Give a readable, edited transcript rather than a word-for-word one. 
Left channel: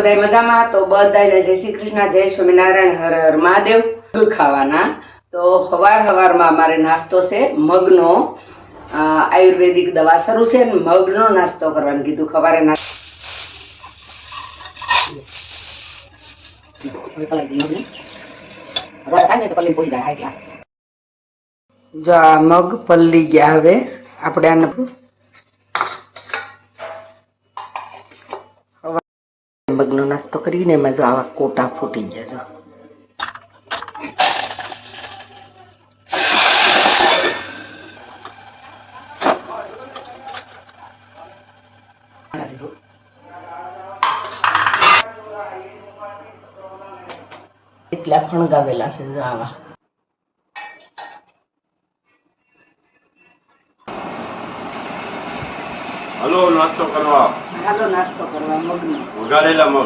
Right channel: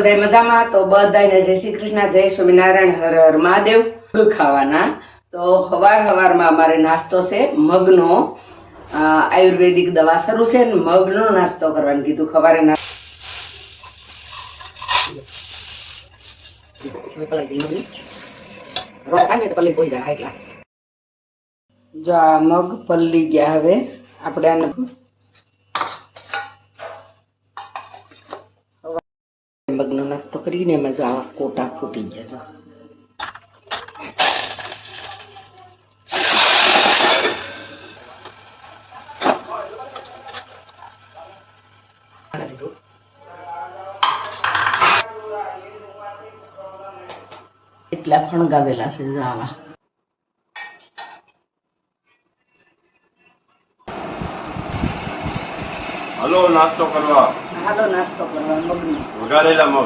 બધા મજામાં? તો બધાને જય શ્રી કૃષ્ણ, જય સ્વામિનારાયણ, હર હર મહાદેવ. ખાવાના તો હવારમાં અમારે નાસ્તો છે મગનો. આયુર્વેદિક દવા શરૂ છે ને મગનો નાસ્તો કરવાનું કીધું. સવારે જો આ મગ પલ્લી ગયા. હવે આપણે આને મગનો નાસ્તો કરીને એમાં જો આવા કોટા ફૂટી ગયા. એટલા ફણગાવેલા છે જો આવા. હાલો નાસ્તો કરવા મગનો વઘારેલા મગ.